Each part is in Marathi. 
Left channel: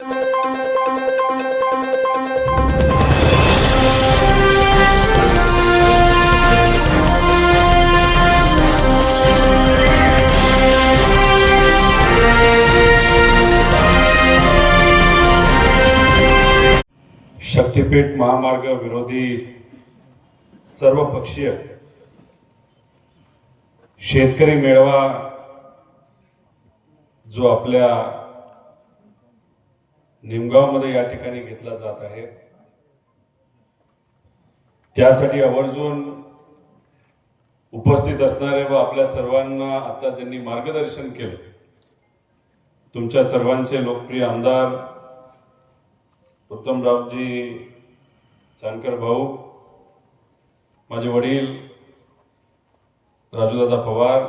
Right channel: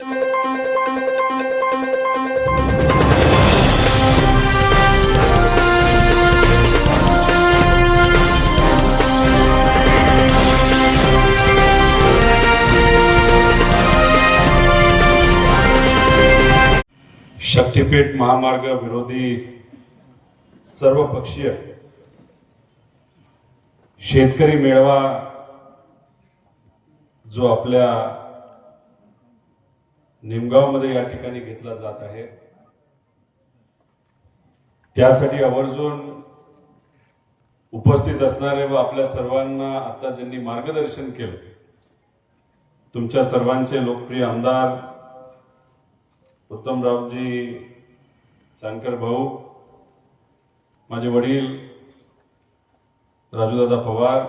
शक्तीपीठ महामार्ग विरोधी सर्वपक्षीय शेतकरी मेळावा जो आपल्या निमगावमध्ये या ठिकाणी घेतला जात आहे, त्यासाठी आवर्जून उपस्थित असणारे व आपल्या सर्वांना आता ज्यांनी मार्गदर्शन केलं, तुमच्या सर्वांचे लोकप्रिय आमदार उत्तमरावजी जानकर भाऊ, माझे वडील राजूदादा पवार,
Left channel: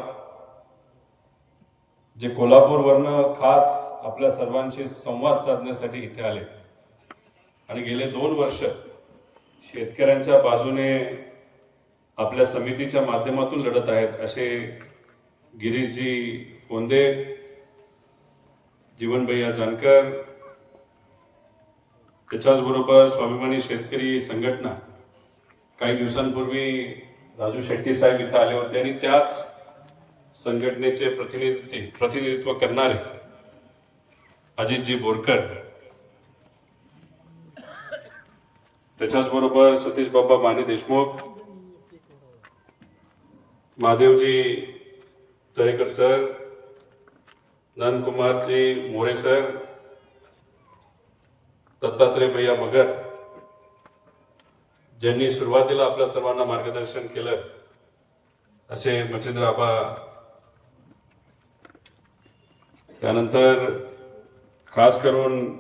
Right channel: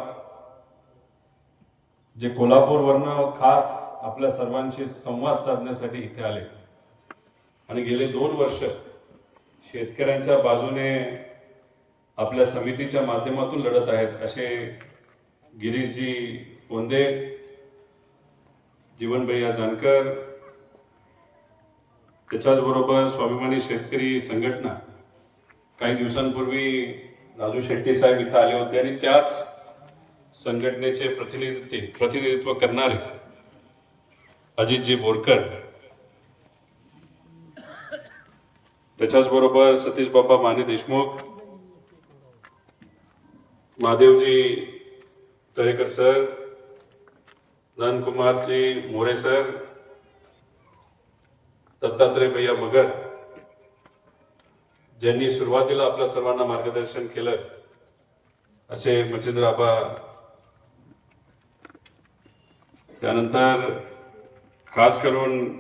जे कोल्हापूरवरनं खास आपल्या सर्वांशी संवाद साधण्यासाठी इथे आले आणि गेले 2 वर्ष शेतकऱ्यांच्या बाजूने आपल्या समितीच्या माध्यमातून लढत आहेत, असे गिरीशजी कोंदे, जीवनभैया जानकर, त्याच्याचबरोबर स्वाभिमानी शेतकरी संघटना काही दिवसांपूर्वी राजू शेट्टी साहेब इथे आले होते आणि त्याच संघटनेचे प्रतिनिधित्व करणारे अजितजी बोरकर, त्याच्याचबरोबर सतीश बाबा माने देशमुख, महादेवजी तळेकर सर, नंदकुमारजी मोरे सर, दत्तात्रय भैया मगर, ज्यांनी सुरुवातीला आपल्या सर्वांना मार्गदर्शन केलं, असे मच्छिंद्र आबा, त्यानंतर खास करून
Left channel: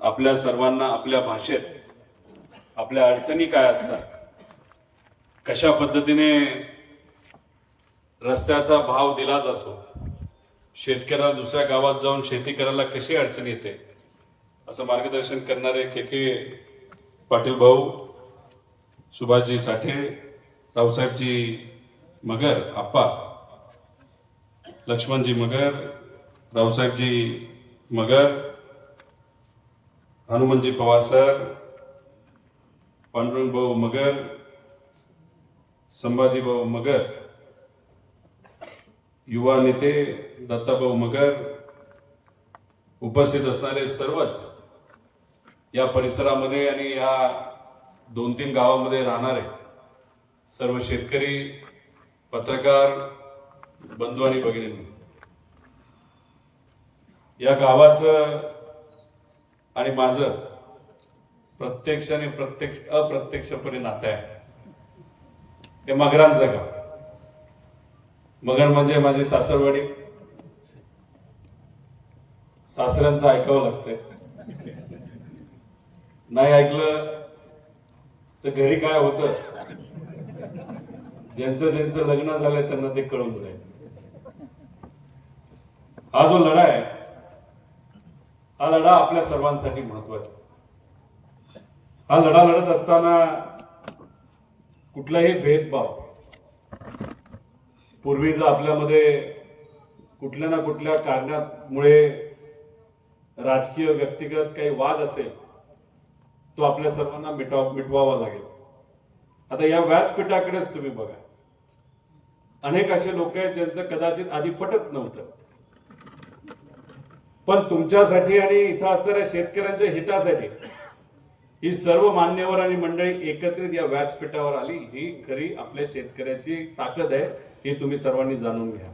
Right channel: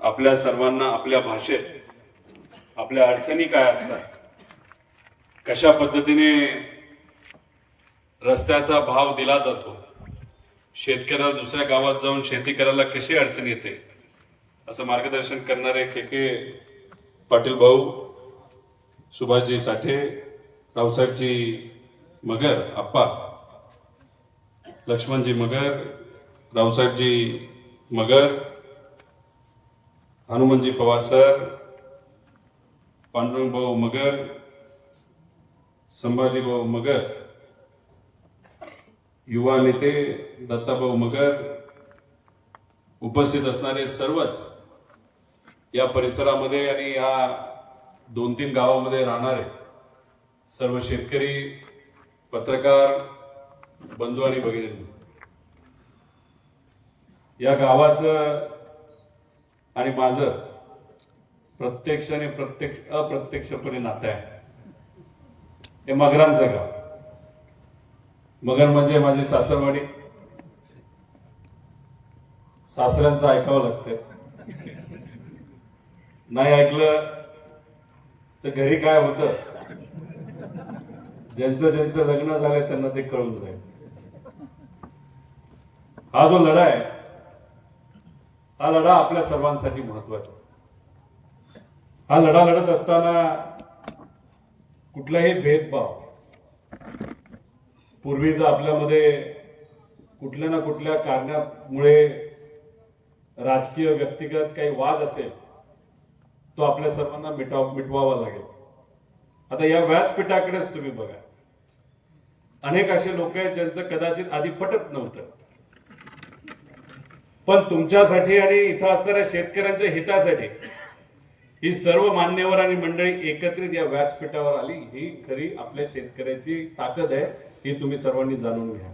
आपल्या सर्वांना आपल्या भाषेत आपल्या अडचणी काय असतात, कशा पद्धतीने रस्त्याचा भाव दिला जातो, शेतकऱ्याला दुसऱ्या गावात जाऊन शेती करायला कशी अडचण येते, असं मार्गदर्शन करणारे के पाटील भाऊ, सुभाषजी साठे, रावसाहेबजी मगर आप्पा, लक्ष्मणजी मगर, रावसाहेबजी मगर, हनुमंतजी पवार सर, पांडुरंग भाऊ मगर, संभाजी भाऊ मगर, युवा नेते दत्ताभाऊ मगर, उपस्थित असणारे सर्वच या परिसरामध्ये आणि या 2-3 गावामध्ये राहणारे सर्व शेतकरी, पत्रकार बंधू आणि भगिनी, या गावाचं आणि माझं प्रत्यक्ष आणि अप्रत्यक्षपणे नातं आहे. हे मगरांचं गाव. मगर म्हणजे माझी सासरवाडी. सासऱ्यांचं ऐकावं लागतं, नाही ऐकलं तर घरी काय होतं, ज्यांचं लग्न झालंय त्यांना ते कळून जाईल. हा जो लढा आहे, हा लढा आपल्या सर्वांसाठी महत्वाचा. हा लढा लढत असताना कुठलाही भेदभाव, पूर्वीचा आपल्यामध्ये कुठल्या ना कुठल्या कारणामुळे राजकीय व्यक्तिगत काही वाद असेल, तो आपल्या सर्वांना मिटवावा लागेल. आता या व्यासपीठाकडेच तुम्ही बघा, अनेक असे लोक आहेत ज्यांचं कदाचित आधी पटत नव्हतं, पण तुमच्यासाठी आणि इथं असणाऱ्या शेतकऱ्यांच्या हितासाठी ही सर्व मान्यवर आणि मंडळी एकत्रित या व्यासपीठावर आली. ही खरी आपल्या शेतकऱ्याची ताकद आहे, ही तुम्ही सर्वांनी जाणून घ्या.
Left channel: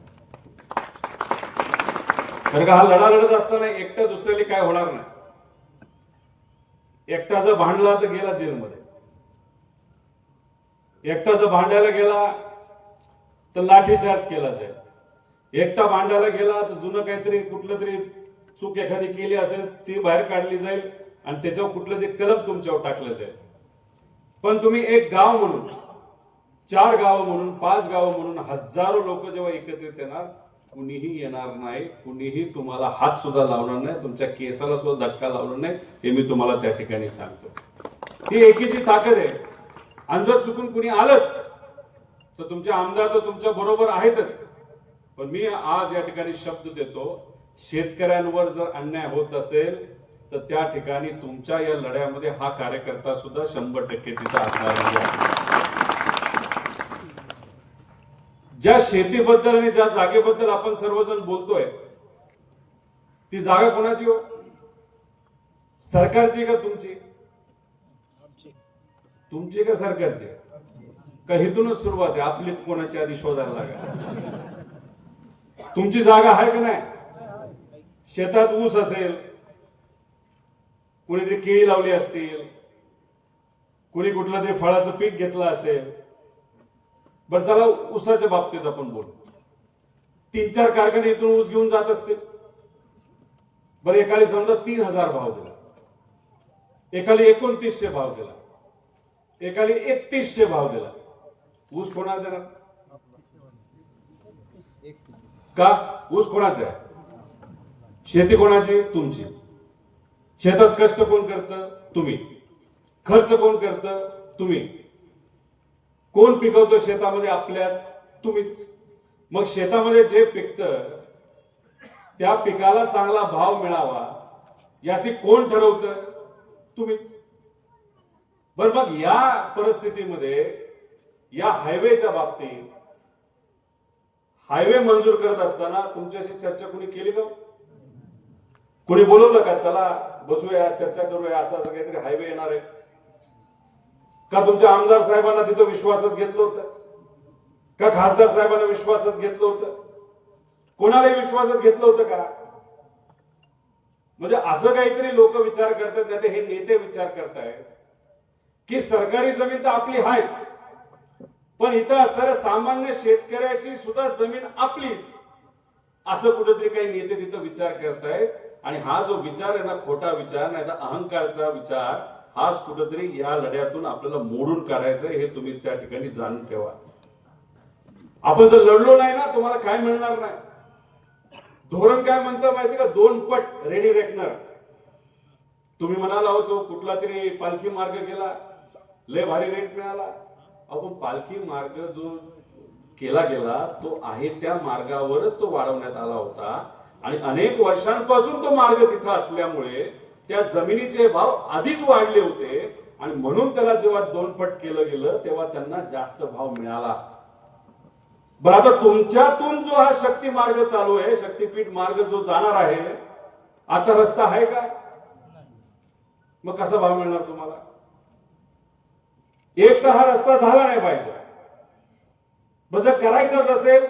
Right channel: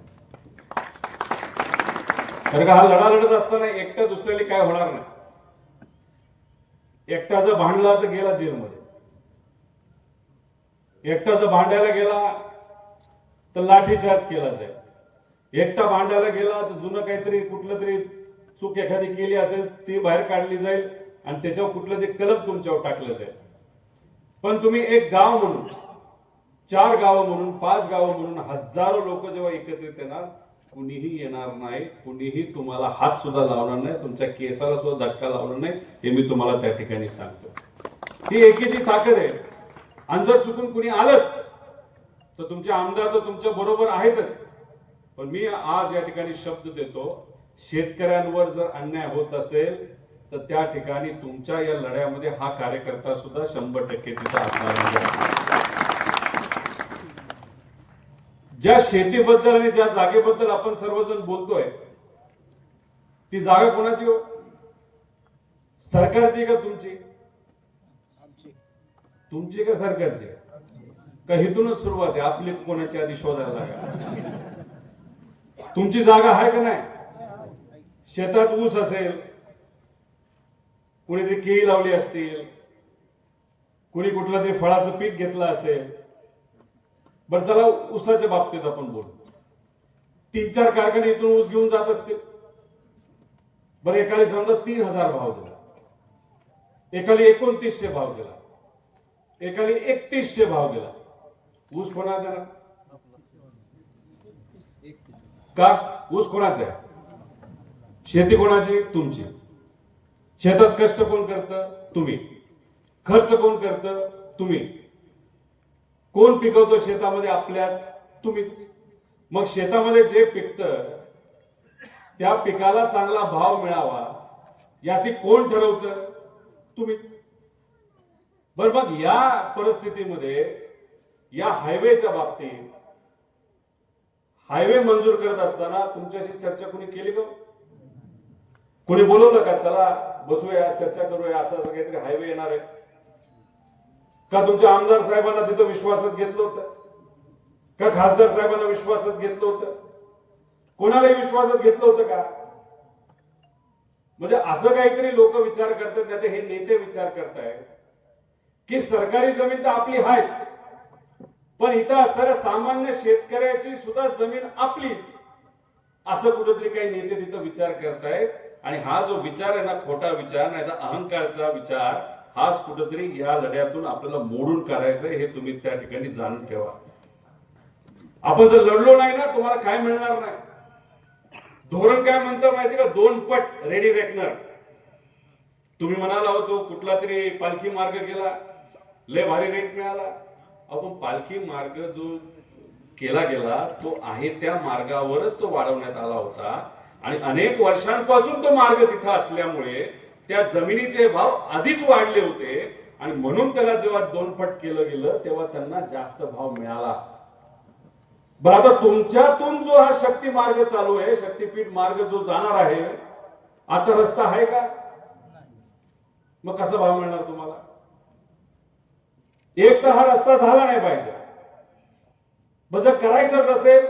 कारण का हा लढा लढत असताना एकट्या दुसऱ्याला काय होणार नाही. एकटा जर भांडला तर गेला जेलमध्ये, एकटा जर भांडायला गेला तर लाठीचार्ज केला जाईल, एकटा भांडायला गेला तर जुनं काहीतरी कुठलं तरी चूक एखादी केली असेल ती बाहेर काढली जाईल आणि त्याच्यावर कुठलं ते कलम तुमच्यावर टाकलं जाईल. पण तुम्ही एक गाव म्हणून, 4 गावं म्हणून, 5 गावं म्हणून हजारो लोक जेव्हा एकत्रित येणार, कुणीही येणार नाही, कुणीही तुम्हाला हात सुद्धा लावणार नाही, तुमच्या केसाला सुद्धा धक्का लावणार नाही, हे मी तुम्हाला त्या ठिकाणी सांगतो. ही एकीची ताकद आहे. आणि जर चुकून कुणी आलंच तर तुमचे आमदार तर तुमच्या बरोबर आहेतच, पण मी आज या ठिकाणी शब्द देतो, शेतकऱ्यांवर जर अन्याय होत असेल तर त्या ठिकाणी तुमच्या या लढ्यामध्ये हा कार्यकर्ता सुद्धा 100% तिचा असणार आहे. ज्या शेतीबद्दल आणि ज्या जागेबद्दल आपण सर्वजण बोलतोय, ती जागा कोणाची हो? सरकारची का तुमची? तुमची का सरकारची? का इथूनच सुरुवात आहे, आपली कोणाची आधी शोधायला लागा? तुमची जागा आहे का नाही? शेतात ऊस असेल, कुणीतरी केळी लावली असतील, कुणी कुठलं तरी फळाचं पीक घेतलं असेल. बरं, चला ऊसाच्या बाबतीत आपण बोलू. 3-4 कारखाने इथून ऊस घेऊन जात असतील. बरं, एकाला समजा 3000 भाव दिला, एकाला 2900 भाव दिला, एकाला 3100 भाव दिला. ऊस कोणाचा देणार? का? ऊस कोणाचा आहे? शेती कोणाची? तुमची. शेतात कष्ट कोण करतं? तुम्ही. खर्च कोण करतं? तुम्ही. कोण पिकवतो शेतामध्ये? आपल्याच. तुम्हीच. मग शेतामध्ये जे पिकतं त्या पिकाला चांगला भाव मिळावा याची कोण ठरवतं? तुम्हीच. बरं, मग या परिस्थितीमध्ये या हायवेच्या बाबतीत हायवे मंजूर करत असताना तुमच्याशी चर्चा कोणी केली का? कोणी बोलवलं का? चला बसूया, चर्चा करूया, असं असं काहीतरी हायवे येणार आहे का? तुमच्या आमदार साहेबांना तिथं विश्वासात घेतलं होतं का? खासदार साहेबांना विश्वासात घेतलं होतं? कोणालाही विश्वासात घेतलं होतं का? म्हणजे असं काहीतरी लोक विचार करतात, नाही तर हे नेते विचार करतायत की सरकारी जमीन तर आपली आहेच, पण इथं असणाऱ्या सामान्य शेतकऱ्याची सुद्धा जमीन आपलीच, असं कुठेतरी काही नेते तिथं विचार करतायत. आणि हा जो विचार आहे ना, खोटा विचार, नाही तर अहंकारचा विचार, हाच कुठेतरी या लढ्यातून आपल्याला मोडून काढायचंय. हे तुम्ही त्या ठिकाणी जाणून ठेवा. आपण जर लढलो नाही ना, तुम्हाला काय मिळणार नाही. धोरण काय म्हणतं माहिती का? 2 पट रेडी रेकनर. तुम्ही म्हणाला होतो कुठला तरी पालखी मार्ग गेला, लय भारी रेट मिळाला. आपण पालखी मार्ग जो केला गेला तो आहे त्या मार्गावरच तो वाढवण्यात आला होता आणि अनेक वर्षांपासून तो मार्ग तिथं असल्यामुळे त्या जमिनीचे भाव आधीच वाढले होते आणि म्हणून त्याला जेव्हा 2 पट केलं गेलं तेव्हा त्यांना जास्त भाव मिळाला. बरं, आता तुमच्यातून जो हा शक्ती मार्ग चालू आहे, शक्तीपीठ मार्ग जो जाणार आहे, आता रस्ता आहे का? मग कसा भाव मिळणार तुम्हाला? एक तर हा रस्ता झाला नाही पाहिजे. बस जर करायचंच असेल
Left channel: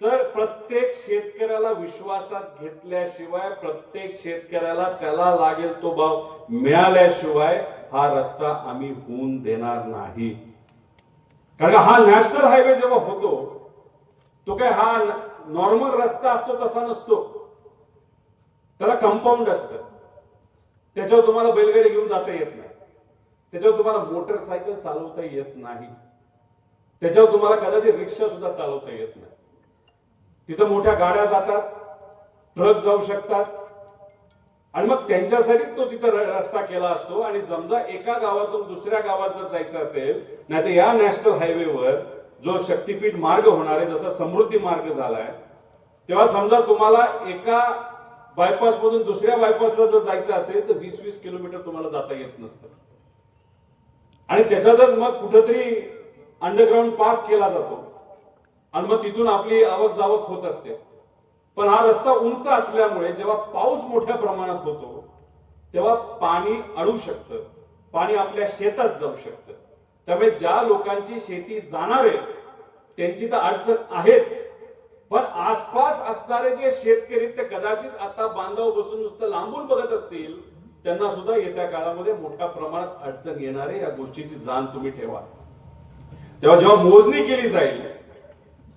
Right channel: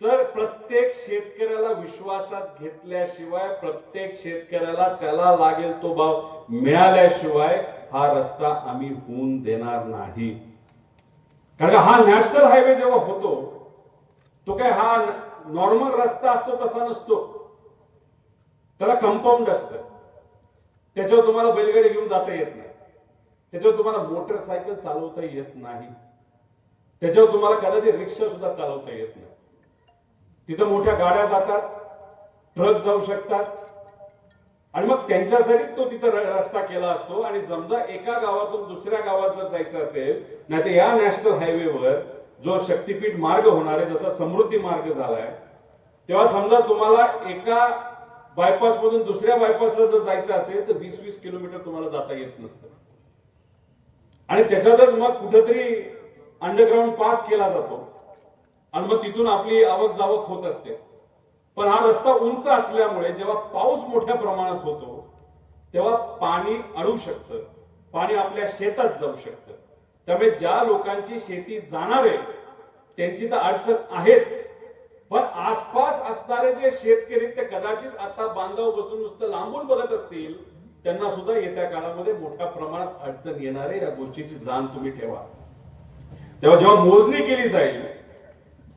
तर प्रत्येक शेतकऱ्याला विश्वासात घेतल्याशिवाय, प्रत्येक शेतकऱ्याला त्याला लागेल तो भाव मिळाल्याशिवाय हा रस्ता आम्ही होऊन देणार नाही. कारण हा नॅशनल हायवे जेव्हा होतो तो काय हा नॉर्मल रस्ता असतो तसा नसतो. त्याला कंपाऊंड असतं, त्याच्यावर तुम्हाला बैलगाडी घेऊन जाता येत नाही, त्याच्यावर तुम्हाला मोटरसायकल चालवता येत नाही, त्याच्यावर तुम्हाला कदाचित रिक्षा सुद्धा चालवता येत नाही. तिथं मोठ्या गाड्या जातात, ट्रक जाऊ शकतात आणि मग त्यांच्यासाठी तो तिथं रस्ता केला असतो. आणि समजा एका गावातून दुसऱ्या गावात जर जायचं असेल, नाही तर या नॅशनल हायवेवर जो शक्तीपीठ मार्ग होणार आहे, जसा समृद्धी मार्ग झालाय, तेव्हा समजा तुम्हाला एका बायपास मधून दुसऱ्या बायपासला जर जायचं असेल तर 20-20 किलोमीटर तुम्हाला जाता येत नसतं. आणि त्याच्यातच मग कुठेतरी अंडरग्राऊंड पास केला जातो आणि मग तिथून आपली आवक जावक होत असते. पण हा रस्ता उंच असल्यामुळे जेव्हा पाऊस मोठ्या प्रमाणात होतो तेव्हा पाणी अडू शकतं, पाणी आपल्या शेतात जाऊ शकतं. त्यामुळे ज्या लोकांची शेती जाणार आहे त्यांची तर अडचण आहेच, पण आसपास असणारे जे शेतकरी ते कदाचित आता बांधावर बसून नुसतं लांबून बघत असतील, त्यांना सुद्धा येत्या काळामध्ये मोठ्या प्रमाणात अडचण येणार आहे. या गोष्टीची जाण तुम्ही ठेवा. तेव्हा जेव्हा मोजणी केली जाईल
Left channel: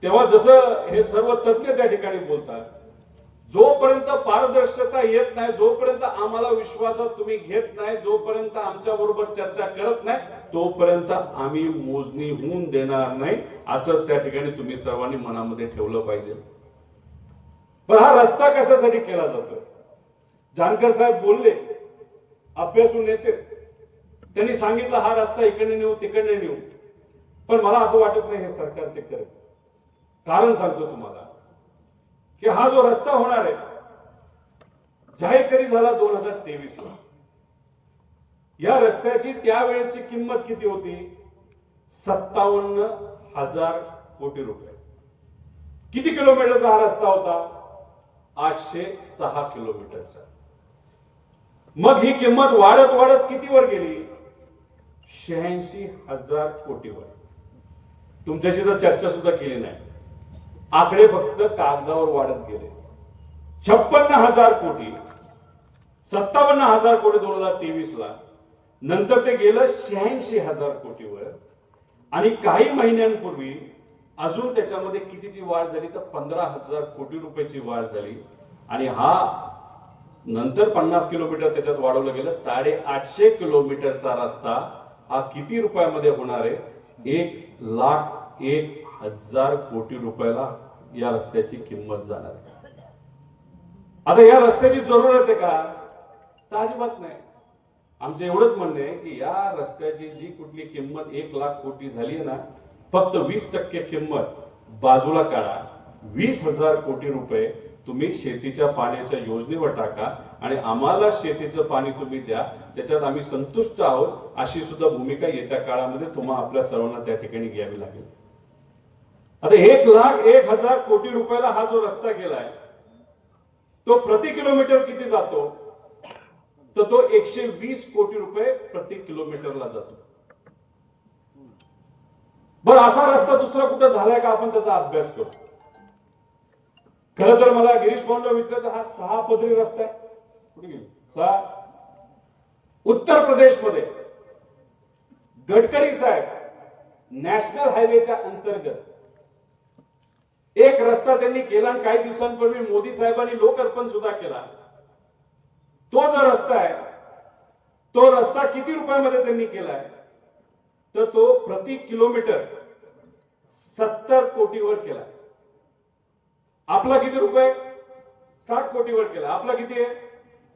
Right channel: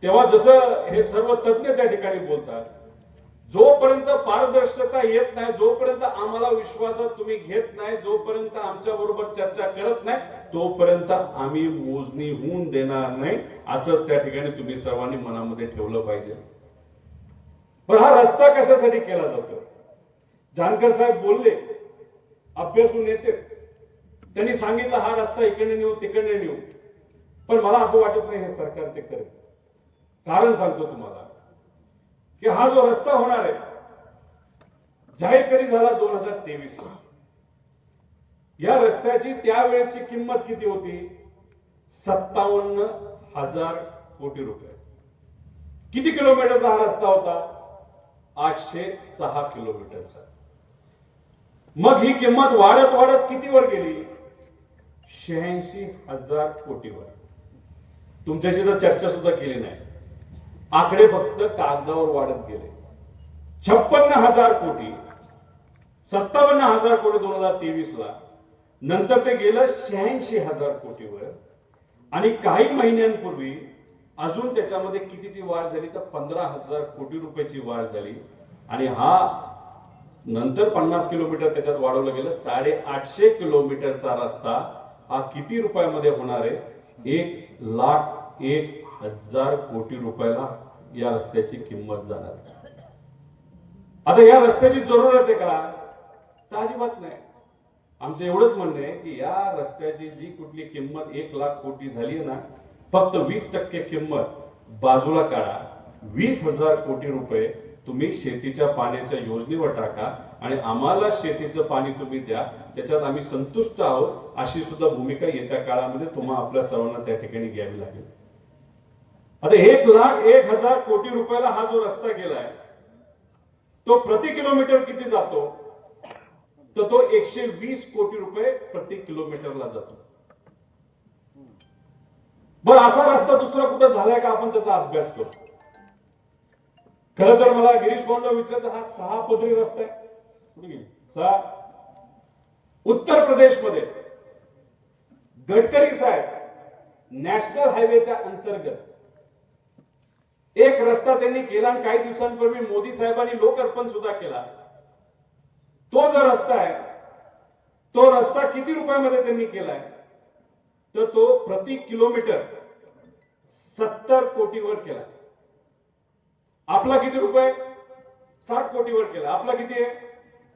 तेव्हा जसं हे सर्व तज्ञ त्या ठिकाणी बोलतात, जोपर्यंत पारदर्शकता येत नाही, जोपर्यंत आम्हाला विश्वासात तुम्ही घेत नाही, जोपर्यंत आमच्या बरोबर चर्चा करत नाही, तोपर्यंत आम्ही मोजणी होऊन देणार नाही, असंच त्या ठिकाणी तुम्ही सर्वांनी मनामध्ये ठेवलं पाहिजे. पण हा रस्ता कशासाठी केला जातो? जानकर साहेब बोलले, अभ्यासू नेते, त्यांनी सांगितलं हा रस्ता इकडे नेऊ तिकडे नेऊ, पण मला असं वाटत नाही हे सरकार ते करेल. कारण सांगतो तुम्हाला की हा जो रस्ता होणार आहे, जाहीर कधी झाला 2023 ला. या रस्त्याची त्यावेळेची किंमत किती होती? 57,000 कोटी रुपये. किती किलोमीटरचा हा रस्ता होता? 806 किलोमीटरचा. मग ही किंमत वाढत वाढत कितीवर गेली? 86,000 कोटीवर. तुमच्याशी तर चर्चा सुद्धा केली नाही. आकडे फक्त कागदावर वाढत गेले. 56,000 कोटी, 57,000 कोटी 2023 ला. नंतर ते गेलं 86,000 कोटीवर. आणि काही महिन्यांपूर्वी अजून त्याच्यामध्ये कितीची वाढ झाली? तर 15,000 कोटी रुपयाची वाढ झाली. आणि हा नंतर 50 किलोमीटर त्याच्यात वाढवलं गेलं. 850 किलोमीटरचा रस्ता हा किती रुपयामध्ये होणार आहे? 1,01,000 कोटी रुपयाला या रस्त्याची किंमत जाणार आहे. आता या रस्त्याची जरूरत आहे का? तर अजिबात नाही. आमचं एवढंच म्हणणं आहे की या रस्त्याची जी कुठली किंमत 1,00,000 कोटी झाली आहे ना, फक्त 20% किंमत बाजूला काढा. 20,000 कोटी रुपये तुम्ही शेतीच्या पाण्याच्या योजनेवर टाका आणि आम्हाला शेतीचं पाणी तुम्ही द्या, त्याच्यात आम्ही संतुष्ट आहोत, अशी सुद्धा भूमिका येत्या काळामध्ये तुम्हाला आपल्या सर्वांना त्या ठिकाणी घ्यावी लागेल. आता 1,01,000 कोटी रुपयाला हा जो रस्ता गेलाय तो प्रति किलोमीटर किती जातो? तर तो 120 कोटी रुपये प्रति किलोमीटरला जातो. बरं, असा रस्ता दुसरा कुठे झालाय का? आपण त्याचा अभ्यास करू. खरं तर मला गिरीश कोंडा विचारायचा, हा 6 पदरी रस्ता आहे. कुठे गेली? 6. उत्तर प्रदेशमध्ये गडकरी साहेब नॅशनल हायवेच्या अंतर्गत एक रस्ता त्यांनी केला आणि काही दिवसांपूर्वी मोदी साहेबांनी लोकार्पण सुद्धा केला. तो जो रस्ता आहे तो रस्ता किती रुपयामध्ये त्यांनी केलाय? तर तो प्रति किलोमीटर 70 कोटीवर केला. आपला किती रुपये? 60 कोटीवर केला. आपला किती आहे?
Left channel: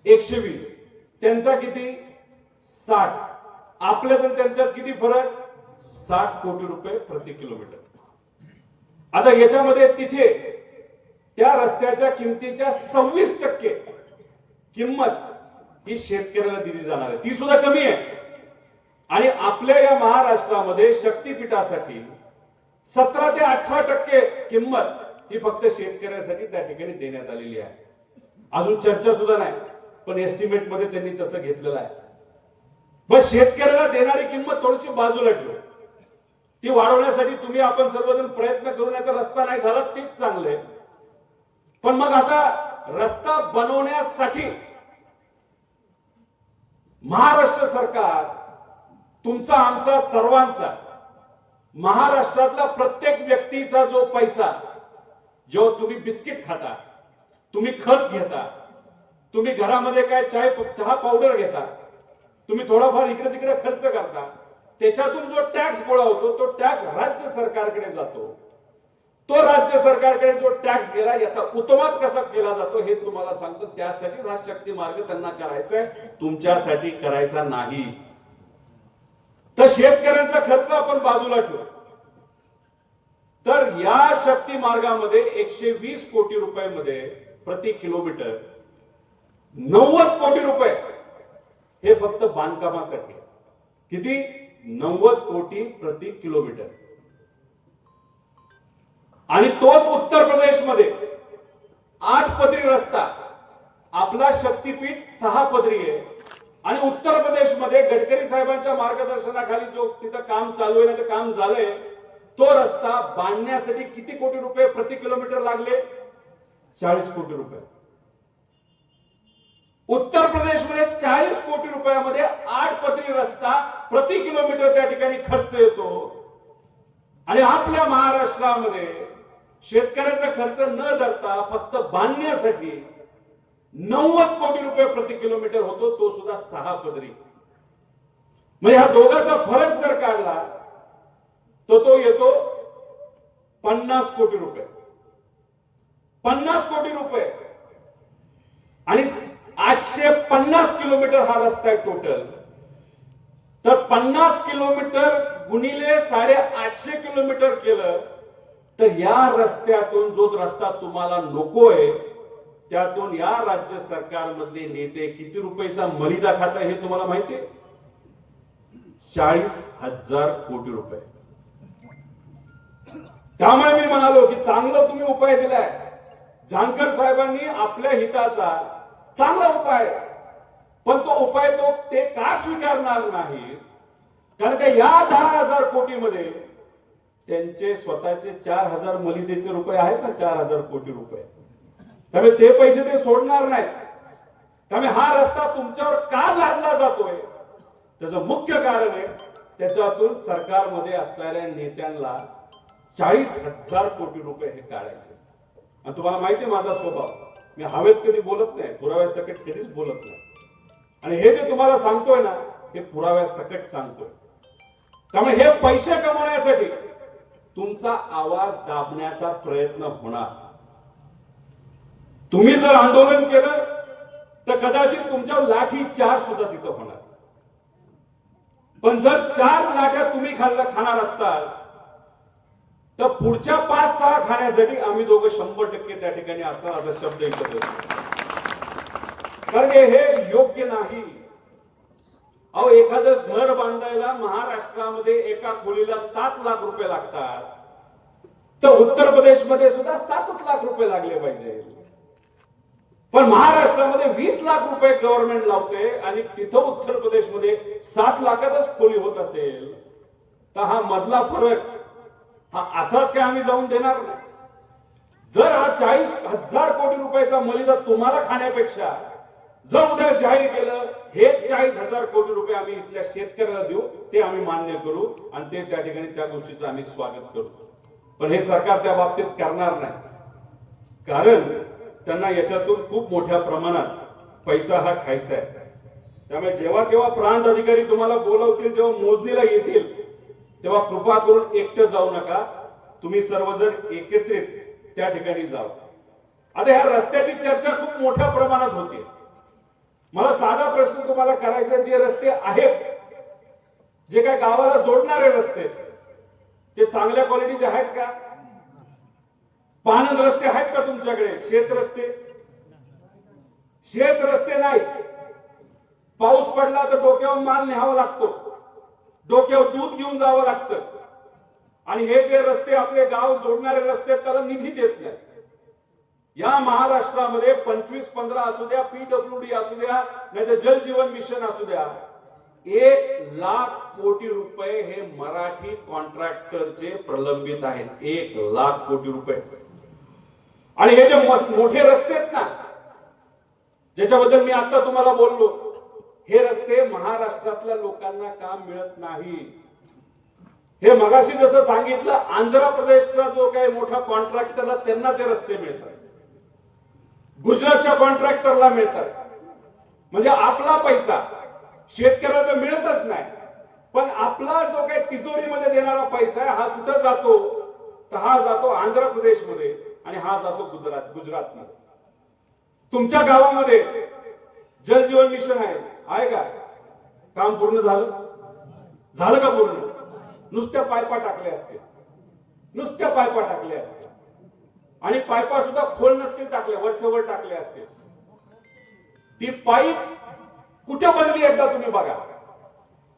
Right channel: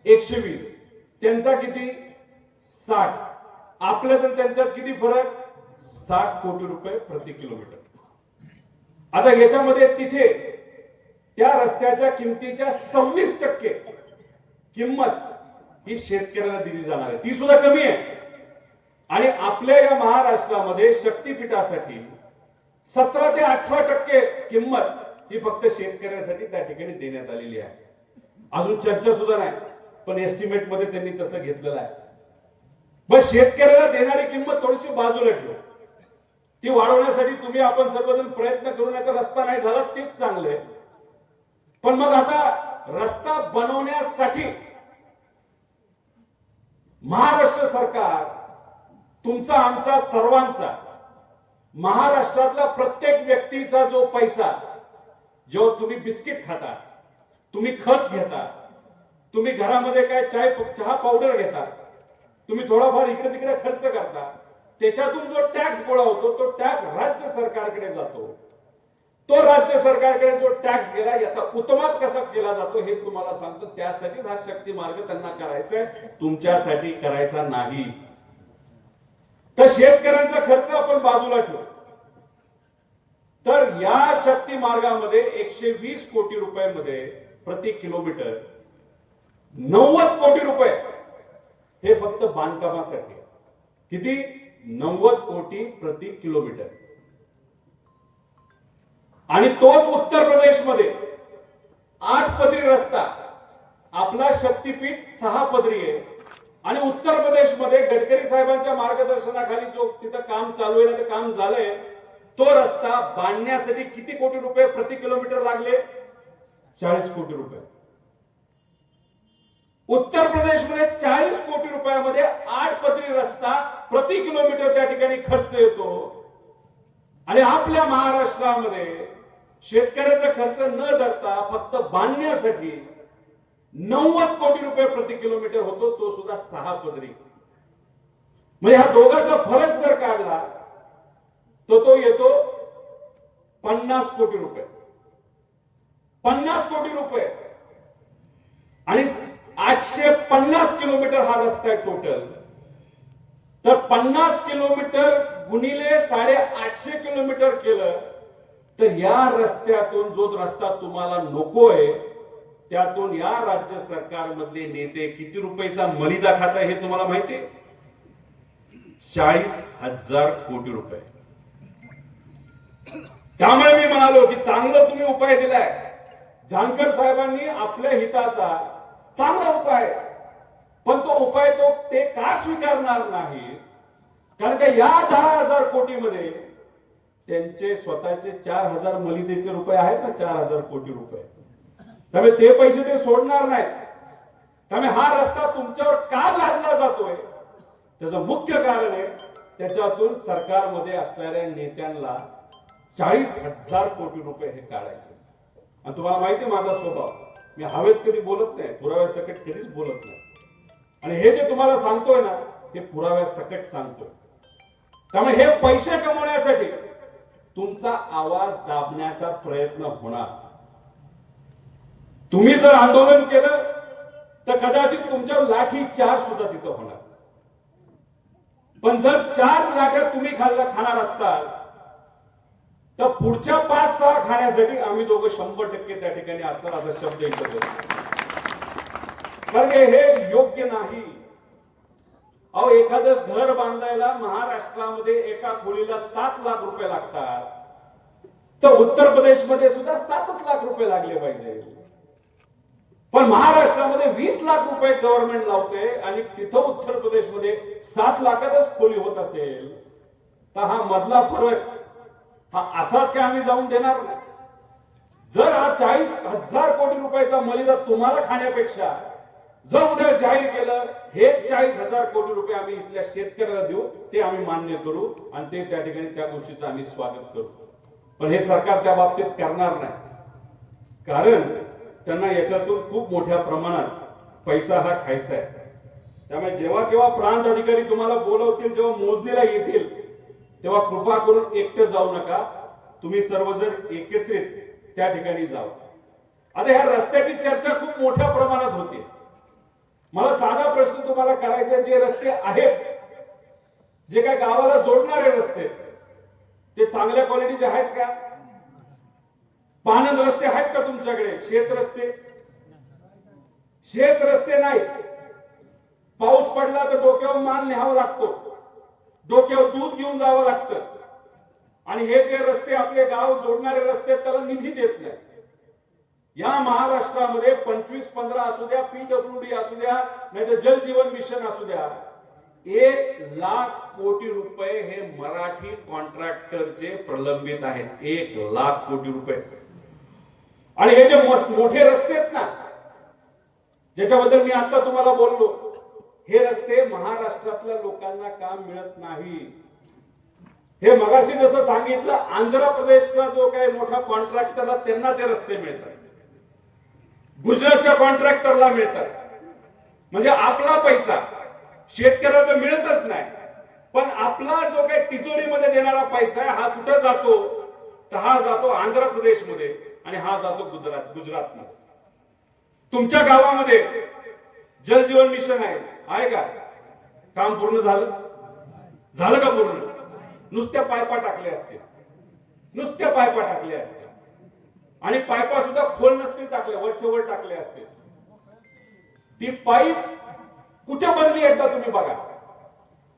120. त्यांचा किती? 60. आपल्या तर त्यांच्यात किती फरक? 60 कोटी रुपये प्रति किलोमीटर. आता याच्यामध्ये तिथे त्या रस्त्याच्या किमतीच्या 26% किंमत ही शेतकऱ्याला दिली जाणार आहे. ती सुद्धा कमी आहे. आणि आपल्या या महाराष्ट्रामध्ये शक्तीपीठासाठी 17 ते 18% किंमत ही फक्त शेतकऱ्यासाठी त्या ठिकाणी देण्यात आलेली आहे. अजून चर्चा सुद्धा नाही, पण एस्टिमेट मध्ये त्यांनी तसं घेतलेलं आहे. बस शेतकऱ्याला देणारी किंमत थोडीशी बाजूला ठेवू, ती वाढवण्यासाठी तुम्ही आपण सर्वजण प्रयत्न करू नये. तर रस्ता नाही झाला तेच चांगले, पण मग आता रस्ता बनवण्यासाठी महाराष्ट्र सरकार, तुमचा आमचा सर्वांचा, महाराष्ट्रातला प्रत्येक व्यक्तीचा जो पैसा, जो तुम्ही बिस्किट खाता, तुम्ही खत घेता, तुम्ही घरामध्ये काय चहा पावडर घेता, तुम्ही थोडाफार इकडे तिकडे खर्च करता, त्याच्यातून जो टॅक्स गोळा होतो तो टॅक्स राज्य सरकारकडे जातो. तो राज्य सरकारकडे जो टॅक्स गेला याचा उत्तमात कसा केला जातो हे तुम्हाला सांगतो. त्यासाठीच हा शक्ती मार्ग त्यांना करायचा आहे, तुमच्यासाठी करायचा नाही. तर शेतकऱ्यांचा खर्च आपण बाजूला ठेवू. तर या शक्ती मार्गामध्ये 120 कोटी रुपयामध्ये प्रति किलोमीटर 90 कोटी रुपये हे फक्त बांधकामासाठी. किती? 90 कोटी प्रति किलोमीटर. आणि तोच उत्तर प्रदेशमध्ये 8 पदरी रस्ता, आपला शक्तीपीठ 6 पदरी आहे. आणि उत्तर प्रदेशमध्ये गडकरी साहेबांच्या मार्गदर्शनाखाली जो तिथं काम चालू आहे, ते काम झालंय, तो रस्ता बांधण्यासाठी किती कोटी रुपये प्रति किलोमीटर लागले? 40 कोटी रुपये. उत्तर प्रदेशमध्ये 40 कोटी रुपयामध्ये 8 पदरी रस्ता प्रति किलोमीटर त्या ठिकाणी खर्च येतो. आणि आपल्या महाराष्ट्रामध्ये शेतकऱ्याचा खर्च न धरता फक्त बांधण्यासाठी 90 कोटी रुपये प्रति किलोमीटर होतो, तो सुद्धा 6 पदरी. म्हणजे ह्या दोघांचा फरक जर काढला तर तो येतो 50 कोटी रुपये. 50 कोटी रुपये. आणि 850 किलोमीटर हा रस्ता आहे टोटल. तर 50 किलोमीटर गुणिले 850 किलोमीटर केलं तर या रस्त्यातून जो रस्ता तुम्हाला नकोय त्यातून या राज्य सरकारमधले नेते किती रुपयाचा मलिदा खाता हे तुम्हाला माहिती आहे? 40,000 कोटी रुपये. त्यामुळे मी म्हणालो की चांगलं तुम्ही उपाय दिलाय. जानकर साहेबांनी आपल्या हिताचा चांगला उपाय, पण तो उपाय ते का स्वीकारणार नाही? कारण का या 10,000 कोटीमध्ये त्यांचे स्वतःचे 4,000 मलिदेचे रुपये आहेत ना, 4,000 कोटी रुपये. त्यामुळे ते पैसे ते सोडणार नाहीत. त्यामुळे हा रस्ता तुमच्यावर का लादला जातोय त्याचं मुख्य कारण आहे त्याच्यातून सरकारमध्ये असणाऱ्या नेत्यांना 40,000 कोटी रुपये हे काढायचे. आणि तुम्हाला माहिती माझा स्वभाव, मी हवेत कधी बोलत नाही, पुराव्यासकट कधीच बोलत नाही. आणि हे जे तुम्हाला सांगतोय ना हे पुराव्यासकट सांगतोय. त्यामुळे हे पैसे कमवण्यासाठी तुमचा आवाज दाबण्याचा प्रयत्न होणार. तुम्ही जर आंदोलन केलं तर कदाचित तुमच्यावर लाठी चार सुद्धा तिथं होणार. पण जर 4 लाट्या तुम्ही खाणार असताल तर पुढच्या 5-6 खाण्यासाठी आम्ही दोघं 100% त्या ठिकाणी असणार असा शब्द इथं बोलतो. कारण हे योग्य नाही. अहो, एखादं घर बांधायला महाराष्ट्रामध्ये एका खोलीला 7 लाख रुपये लागतात, तर उत्तर प्रदेशमध्ये सुद्धा 7 लाख रुपये लागले पाहिजे. पण महाराष्ट्रामध्ये 20 लाख रुपये गव्हर्नमेंट लावते आणि तिथं उत्तर प्रदेशमध्ये 7 लाखातच खोली होत असेल तर हा मधला फरक हा असाच काय आम्ही जाऊन देणार नाही. जर हा 40,000 कोटी रुपयाचा मलिदा तुम्हाला खाण्यापेक्षा जर उद्या जाहीर केलं हे 40,000 कोटी रुपये आम्ही इथल्या शेतकऱ्याला देऊ, ते आम्ही मान्य करू आणि ते त्या ठिकाणी त्या गोष्टीचं आम्ही स्वागत करू. पण हे सरकार त्या बाबतीत करणार नाही. कारण त्यांना याच्यातून खूप मोठ्या प्रमाणात पैसा हा खायचा आहे. त्यामुळे जेव्हा केव्हा प्रांत अधिकारी तुम्हाला बोलवतील, जेव्हा मोजणीला येतील, तेव्हा कृपा करून एकटे जाऊ नका. तुम्ही सर्वजण एकत्रित त्या ठिकाणी जाऊ. आता ह्या रस्त्याची चर्चा खूप मोठ्या प्रमाणात होते. मला साधा प्रश्न तुम्हाला करायचा, जे रस्ते आहेत, जे काय गावाला जोडणारे रस्ते, ते चांगल्या क्वालिटीचे आहेत का? पाणंद रस्ते आहेत का तुमच्याकडे? शेत रस्ते नाही. पाऊस पडला तर डोक्यावर माल न्यावा लागतो, डोक्यावर दूध घेऊन जावं लागतं. आणि हे जे रस्ते आपले गाव जोडणारे रस्ते त्याला निधी देत नाही. या महाराष्ट्रामध्ये 25-15 असू द्या, PWD असू द्या, नाही तर जल जीवन मिशन असू द्या, 1 लाख कोटी रुपये हे मराठी कॉन्ट्रॅक्टरचे प्रलंबित आहेत. 1 लाख कोटी रुपये. आणि हे जे मोठे रस्ते आहेत ना, ज्याच्याबद्दल मी आता तुम्हाला बोललो, हे रस्ते महाराष्ट्रातल्या लोकांना काम मिळत नाही. हे मगाशी जसं सांगितलं, आंध्र प्रदेशचा जो काही मोठा कॉन्ट्रॅक्टरला त्यांना ते रस्ते मिळतात, गुजरातच्या कॉन्ट्रॅक्टरला मिळतात. म्हणजे आपला पैसा शेतकऱ्याला तर मिळतच नाही, पण आपला जो काही तिजोरीमध्ये देणारा पैसा आहे हा कुठे जातो? तर हा जातो आंध्र प्रदेशमध्ये आणि हा जातो गुजरातमध्ये. तुमच्या गावामध्ये जल जीवन मिशन आहे का? काम पूर्ण झालं का? पूर्ण? नुसत्या पायपा टाकल्या असतील, आणि पायपा सुद्धा खोल नसतील टाकल्या, वरच्या वर टाकले असतील. ती पाईप कुठे बनली एकदा तुम्ही बघा.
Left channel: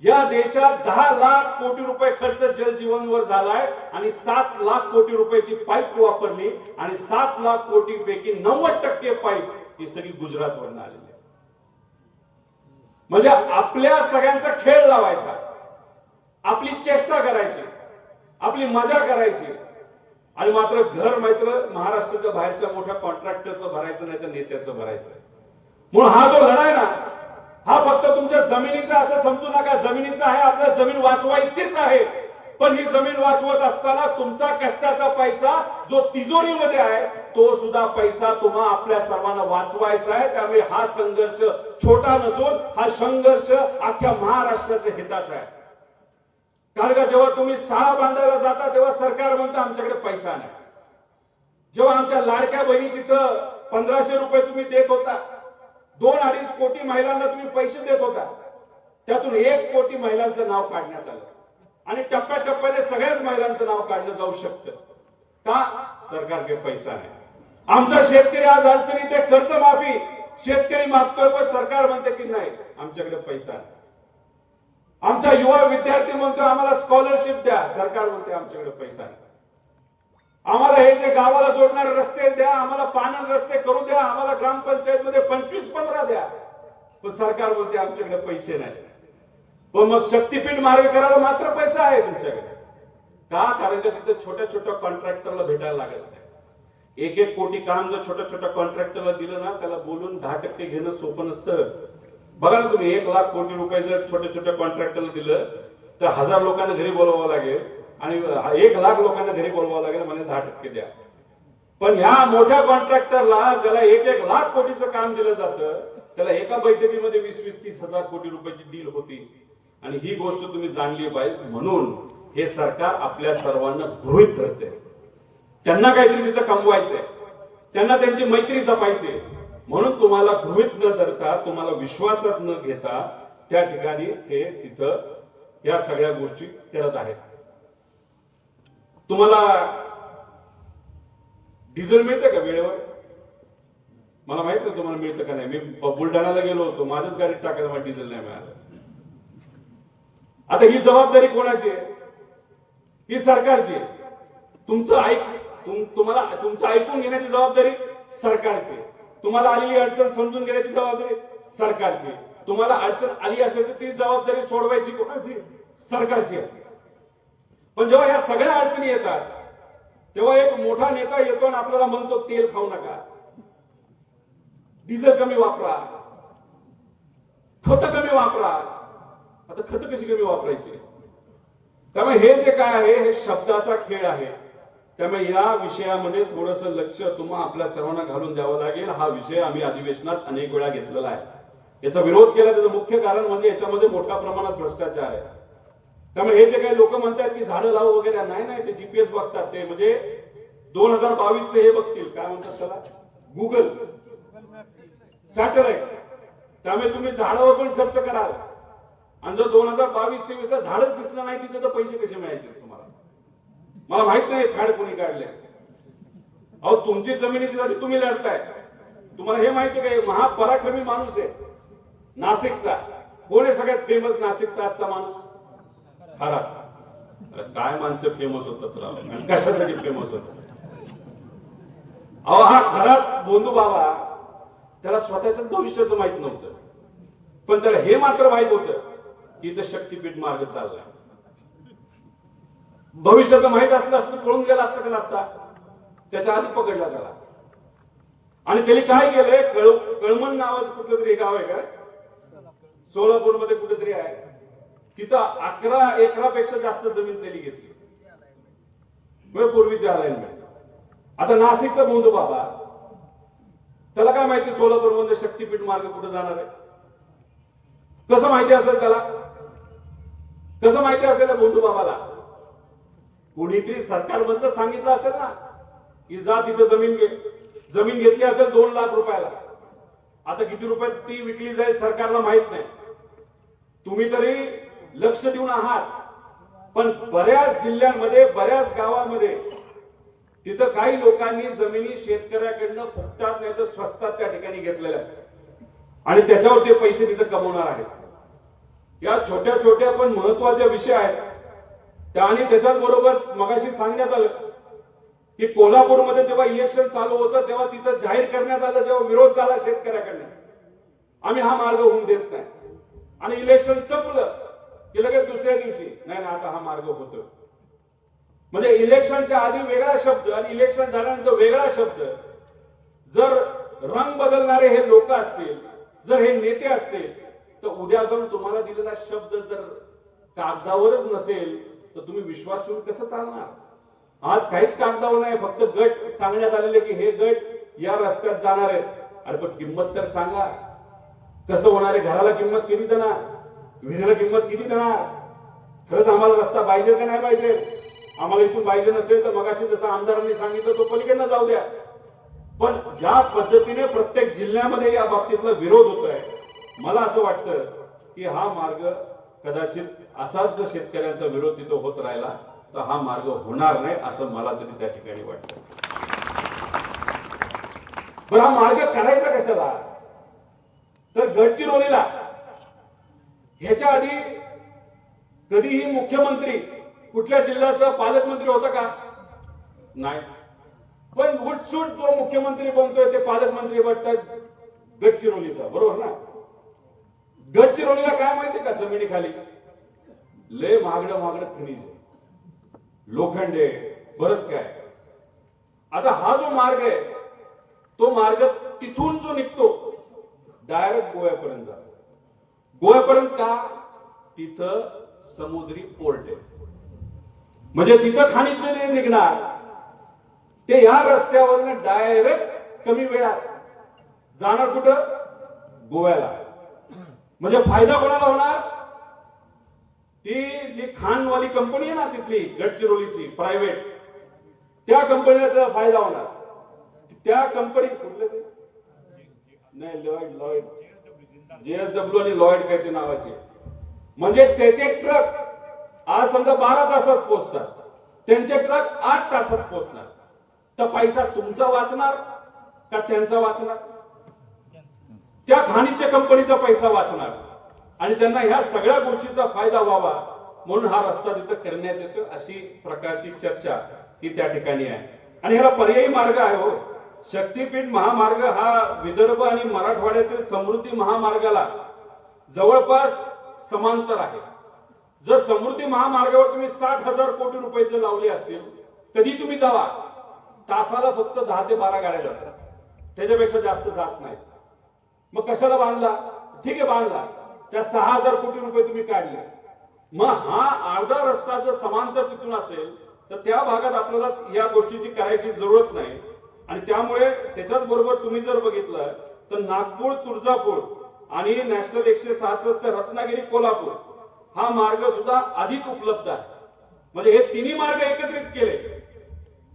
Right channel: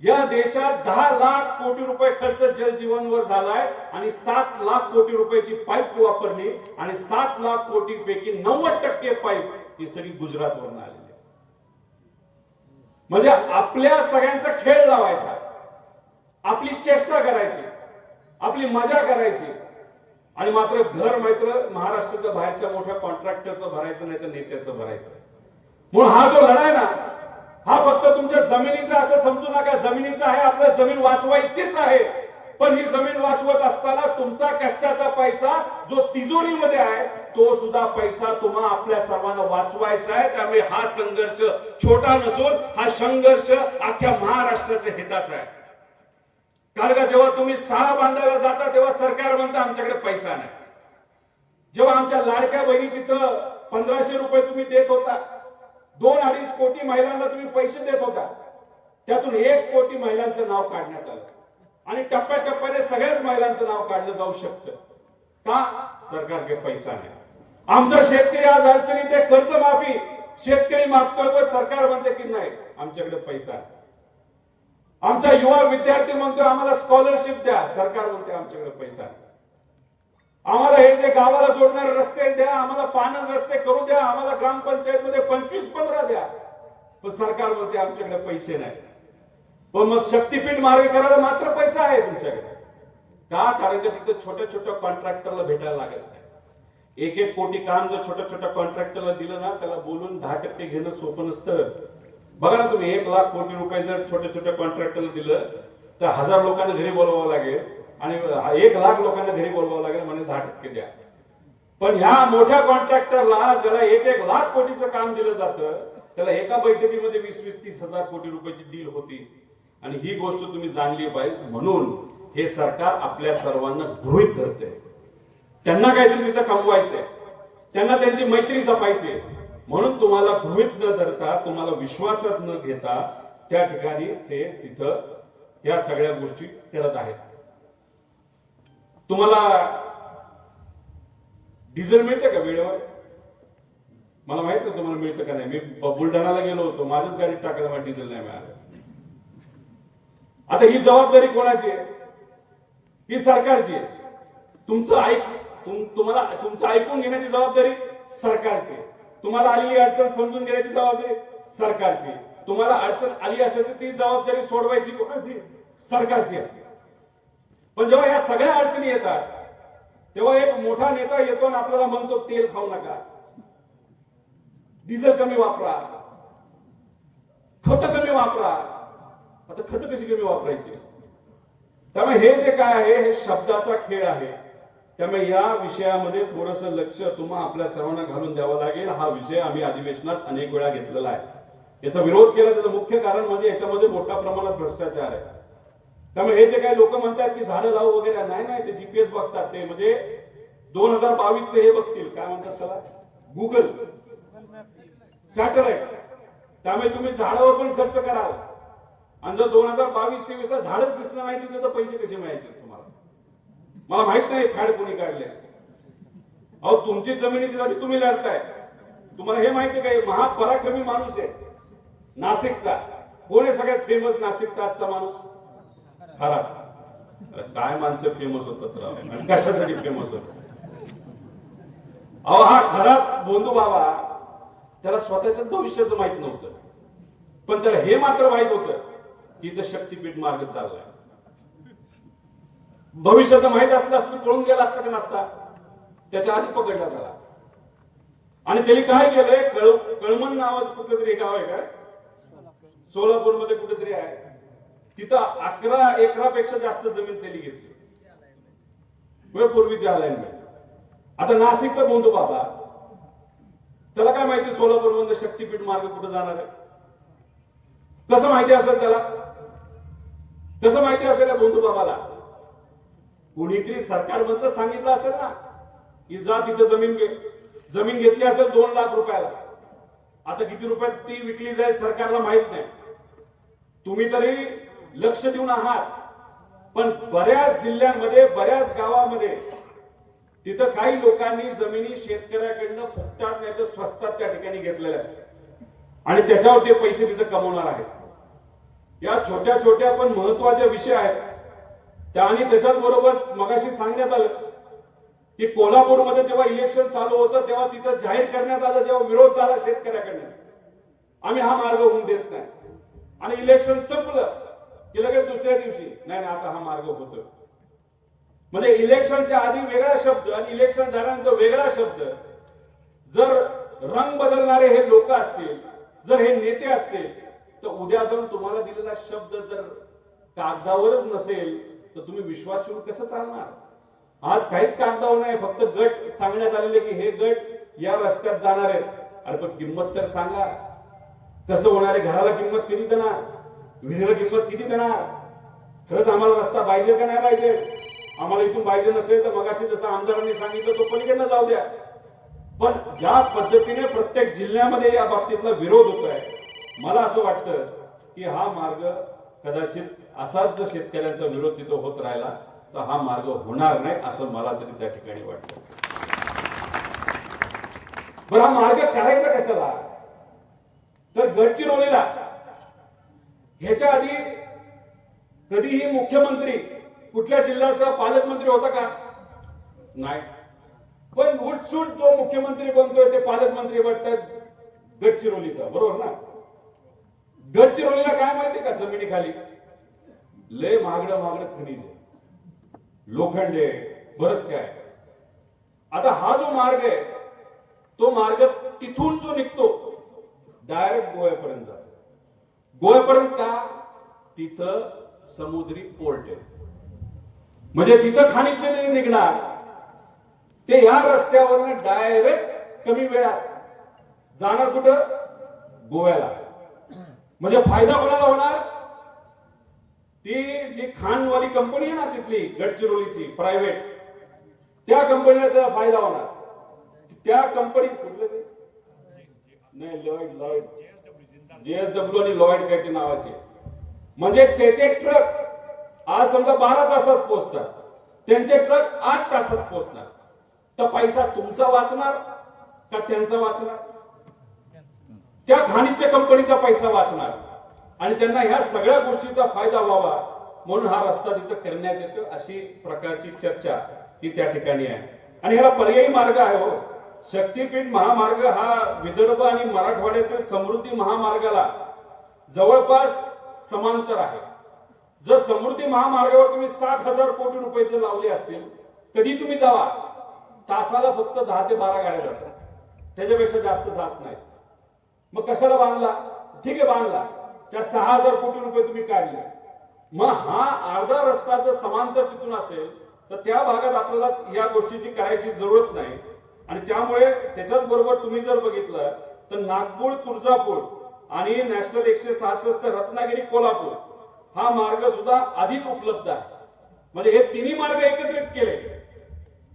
या देशात 10 लाख कोटी रुपये खर्च जल जीवनवर झालाय आणि 7 लाख कोटी रुपयाची पाईप वापरली आणि 7 लाख कोटी पैकी 90% पाईप ही सगळी गुजरातवरून आलेली आहे. म्हणजे आपल्या सगळ्यांचा खेळ लावायचा, आपली चेष्टा करायची, आपली मजा करायची, आणि मात्र घर मात्र महाराष्ट्राच्या बाहेरच्या मोठ्या कॉन्ट्रॅक्टरचं भरायचं नाही तर नेत्याचं भरायचं. म्हणून हा जो लढाई ना, हा फक्त तुमच्या जमिनीचा असं समजू नका. जमिनीचा आहे, आपल्याला जमीन वाचवायचीच आहे. पण ही जमीन वाचवत असताना तुमचा कष्टाचा पैसा जो तिजोरीमध्ये आहे तो सुद्धा पैसा तुम्हा आपल्या सर्वांना वाचवायचा आहे. त्यामुळे हा संघर्ष छोटा नसून हा संघर्ष अख्ख्या महाराष्ट्राच्या हिताचा आहे. कारण का जेव्हा तुम्ही शाळा बांधायला जाता तेव्हा सरकार म्हणतं आमच्याकडे पैसा नाही. जेव्हा आमच्या लाडक्या बहिणी तिथं 1500 रुपये तुम्ही देत होता, 2-2.5 कोटी महिलांना तुम्ही पैसे देत होता, त्यातून 1 कोटी महिलांचं नाव काढण्यात आलं आणि टप्प्याटप्प्याने सगळ्याच महिलांचं नाव काढलं जाऊ शकतं. का? सरकारकडे पैसा नाही. आमचा शेतकरी आज अडचणीत आहे, कर्जमाफी शेतकरी मागतोय, पण सरकार म्हणते की नाही आमच्याकडे पैसा आहे. आमचा युवा विद्यार्थी म्हणतोय आम्हाला स्कॉलरशिप द्या, सरकार म्हणते आमच्याकडे पैसा आहे. आम्हाला हे जे गावाला जोडणारे रस्ते द्या, आम्हाला पाणंद रस्ते करू द्या, आम्हाला ग्रामपंचायत मध्ये 25-15 द्या, पण सरकार म्हणते आमच्याकडे पैसे नाही. पण मग शक्तीपीठ मार्ग करायला मात्र पैसा आहे तुमच्याकडे का? कारण का तिथे छोट्या छोट्या कॉन्ट्रॅक्टरला भेटायला लागत नाही. 1-1 कोटी काम जर छोट्या छोट्या कॉन्ट्रॅक्टरला दिलं ना, त्याला बोलून 10% घेणं सोपं नसतं. बघा ना तुम्ही, 1 लाख कोटी रुपये जर छोट्या छोट्या कॉन्ट्रॅक्टरला दिलं तर 1000 लोकांना घरी बोलवावं लागेल आणि 1 लाख लोकांना घरी बोलवावं लागेल म्हणजे 10% द्या. पण ह्या मोठ्या कॉन्ट्रॅक्टरला ज्याला 1-1 लाख कोटीचं काम दिलं जातं, त्याला एका बैठकीमध्ये 20-30 हजार कोटी रुपयाची डील होती. आणि ही गोष्ट तुम्ही जाणली पाहिजे. म्हणून हे सरकार आपल्या सर्वांना गृहीत धरते. त्यांना काहीतरी तिथं कमवायचंय, त्यांना त्यांची मैत्री जपायची, म्हणून तुम्हाला गृहीत न धरता, तुम्हाला विश्वासात न घेता त्या ठिकाणी ते तिथं या सगळ्या गोष्टी करत आहेत. तुम्हाला डिझेल मिळतं का वेळेवर? मला माहित नाही तुम्हाला मिळतं का नाही. मी बुलढाण्याला गेलो होतो, माझ्याच गाडीत टाकायला मला डिझेल नाही मिळालं. आता ही जबाबदारी कोणाची आहे? ही सरकारची आहे. तुम्हाला तुमचं ऐकून घेण्याची जबाबदारी सरकारची आहे. तुम्हाला आलेली अडचण समजून घेण्याची जबाबदारी सरकारची. तुम्हाला अडचण आली असेल तर ती जबाबदारी सोडवायची कोणाची? सरकारची आहे. पण जेव्हा या सगळ्या अडचणी येतात तेव्हा एक मोठा नेता येतो आणि आपल्याला म्हणतो तेल खाऊ नका, डिझेल कमी वापरा, खत कमी वापरा. आता खत कशी कमी वापरायची? त्यामुळे हे जे काय आहे हे शब्दाचा खेळ आहे. त्यामुळे या विषयामध्ये थोडस लक्ष तुम्हाला आपल्या सर्वांना घालून द्यावं लागेल. हा विषय आम्ही अधिवेशनात अनेक वेळा घेतलेला आहे. याचा विरोध केला त्याचं मुख्य कारण म्हणजे याच्यामध्ये मोठ्या प्रमाणात भ्रष्टाचार आहे. त्यामुळे हे जे काही लोक म्हणतात की झाडं लावू वगैरे, नाही, ते जीपीएस बघतात. ते म्हणजे 2022 हे बघतील, काय म्हणतात त्याला, गुगल सॅटेलाइट. त्यामुळे तुम्ही झाडावर पण खर्च कराल आणि जर 2022-23 ला झाडच दिसलं नाही तिथे तर पैसे कसे मिळायचे तुम्हाला? मला माहित नाही फॅड कोणी काढले. अहो तुमची जमिनीची जागी तुम्ही लढताय. तुम्हाला हे माहिती आहे का, महापराक्रमी माणूस आहे नाशिकचा. कोण आहे सगळ्यात फेमस नाशिकचा आजचा माणूस? खरात. काय माणसं फेमस होतात आणि कशासाठी फेमस होतात? अहो हा खरात बोंधू बाबा, त्याला स्वतःच भविष्याचं माहित नव्हतं, पण त्याला हे मात्र माहित होतं की इथं शक्तीपीठ मार्ग चाललाय. भविष्याचं माहित असलं असतं पळून गेला असतं का नसता? त्याच्या आधी पकडला त्याला. आणि त्यांनी काय केलंय, कळमण नावाचं कुठलं तरी गाव आहे का, सोलापूरमध्ये कुठेतरी आहे, तिथं 11 एकरापेक्षा जास्त जमीन त्यांनी घेतली पूर्वीच्या अलाइनमेंट. आता नाशिकचा बोंधू बाबा, त्याला काय माहिती सोलापूरमध्ये शक्तीपीठ मार्ग कुठे जाणार आहे? कसं माहिती असेल त्याला? कसं माहिती असेल बोंधू बाबाला? कुणीतरी सरकारमधलं सांगितलं असेल ना की जा तिथं जमीन घे. जमीन घेतली असेल 2 लाख रुपयाला. आता किती रुपयात ती विकली जाईल सरकारला माहित नाही. तुम्ही तरी लक्ष देऊन आहात, पण बऱ्याच जिल्ह्यांमध्ये, बऱ्याच गावांमध्ये तिथं काही लोकांनी जमिनी शेतकऱ्याकडनं फुकटात नाही तर स्वस्तात त्या ठिकाणी घेतलेल्या आणि त्याच्यावर ते पैसे तिथं कमवणार आहेत. या छोट्या छोट्या पण महत्वाच्या विषय आहेत त्या. आणि त्याच्याच बरोबर मगाशी सांगण्यात आलं की कोल्हापूरमध्ये जेव्हा इलेक्शन चालू होतं तेव्हा तिथं जाहीर करण्यात आलं, जेव्हा विरोध झाला शेतकऱ्याकडनं, आम्ही हा मार्ग होऊन देत नाही. आणि इलेक्शन संपलं की लगेच दुसऱ्या दिवशी नाही आता हा मार्ग होतो. म्हणजे इलेक्शनच्या आधी वेगळा शब्द आणि इलेक्शन झाल्यानंतर वेगळा शब्द. जर रंग बदलणारे हे लोक असतील, जर हे नेते असतील, तर उद्या जाऊन तुम्हाला दिलेला शब्द जर कागदावरच नसेल तर तुम्ही विश्वास ठेवून कसं चालणार? आज काहीच कागदावर नाही, फक्त गट सांगण्यात आलेले की हे गट या रस्त्यात जाणार आहेत. अरे पण किंमत तर सांगा, कसं होणार आहे? घराला किंमत किती देणार? विहिरीला किंमत किती देणार? खरंच आम्हाला रस्ता पाहिजे का नाही पाहिजे? आम्हाला इथून पाहिजे नसेल तर मगाशी जसं आमदारांनी सांगितलं तो पलीकडनं जाऊ द्या. पण ज्या पद्धतीने प्रत्येक जिल्ह्यामध्ये या बाबतीतला विरोध होतोय, मला असं वाटतं की हा मार्ग कदाचित असाच जर शेतकऱ्यांचा विरोध तिथं होत राहिला तर हा मार्ग होणार नाही असं मला तरी त्या ठिकाणी वाटतं. बरं हा मार्ग करायचा कशाला? तर गडचिरोलीला ह्याच्या आधी कधीही मुख्यमंत्री कुठल्या जिल्ह्याचा पालकमंत्री होता का? नाही. पण उठसूट जो मुख्यमंत्री बनतोय ते पालकमंत्री बनतात गडचिरोलीचा, बरोबर ना? गडचिरोलीला काय माहितीये का? जमिनीखाली लय महागडं खनिज आहे, लोखंड आहे, बरंच काय. आता हा जो मार्ग आहे तो मार्ग तिथून जो निघतो डायरेक्ट गोव्यापर्यंत जातो. गोव्यापर्यंत का? तिथं समुद्री पोर्ट आहे. म्हणजे तिथं खनिज जे निघणार ते या रस्त्यावरनं डायरेक्ट कमी वेळात जाणार कुठं? गोव्याला. म्हणजे फायदा कोणाला होणार? ती जी खानवाली कंपनी आहे ना तिथली गडचिरोलीची प्रायव्हेट, त्या कंपनीला त्याचा फायदा होणार. त्या कंपनी कुठले ते नाही, लॉयड JSW आणि लॉयड काय ते नावाचे. म्हणजे त्याचे ट्रक आज समजा 12 तासात पोहोचतात, त्यांचे ट्रक 8 तासात पोहोचणार. तर पैसा तुमचा वाचणार का त्यांचा वाचणार? त्या खाणीच्या कंपनीचा पैसा वाचणार. आणि त्यांना ह्या सगळ्या गोष्टीचा फायदा व्हावा म्हणून हा रस्ता तिथं करण्यात येतो, अशी प्रकारची चर्चा ही त्या ठिकाणी आहे. आणि ह्याला पर्यायी मार्ग आहे हो. शक्तीपीठ महामार्ग हा विदर्भ आणि मराठवाड्यातील समृद्धी महामार्गाला जवळपास समांतर आहे. जर समृद्धी महामार्गावर तुम्ही 60,000 कोटी रुपये जर लावले असतील, कधी तुम्ही जावा, तासाला फक्त 10 ते 12 गाड्या जातात, त्याच्यापेक्षा जास्त जात नाही. मग कशाला बांधला? ठीक आहे बांधला, त्या 6,000 कोटी रुपये तुम्ही काढले. मग हा अर्धा रस्ता जर समांतर तिथून असेल तर त्या भागात आपल्याला या गोष्टीची करायची जरूरत नाही. आणि त्यामुळे त्याच्याच बरोबर तुम्ही जर बघितलं तर नागपूर तुळजापूर आणि नॅशनल 166 रत्नागिरी कोल्हापूर हा मार्ग सुद्धा आधीच उपलब्ध आहे. म्हणजे हे तिन्ही मार्ग एकत्रित केले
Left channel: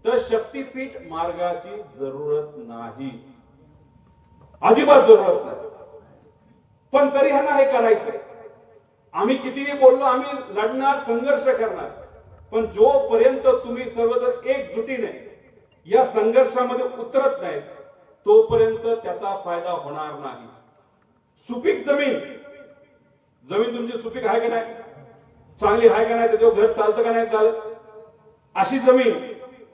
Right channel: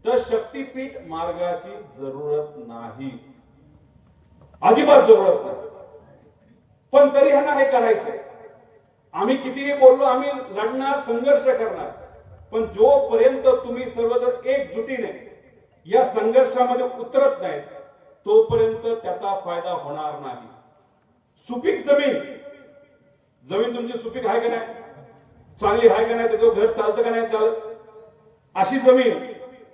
तर शक्तीपीठ मार्गाची जरूरत नाही, अजिबात जरूरत नाही. पण तरी ह्यांना हे करायचंय. आम्ही कितीही बोललो, आम्ही लढणार, संघर्ष करणार, पण जोपर्यंत तुम्ही सर्वजण एकजुटीने या संघर्षामध्ये उतरत नाहीत तोपर्यंत त्याचा फायदा होणार नाही. सुपीक जमीन तुमची सुपीक आहे का नाही, चांगली आहे का नाही, त्याच्यावर घर चालतं का नाही चालत, अशी जमीन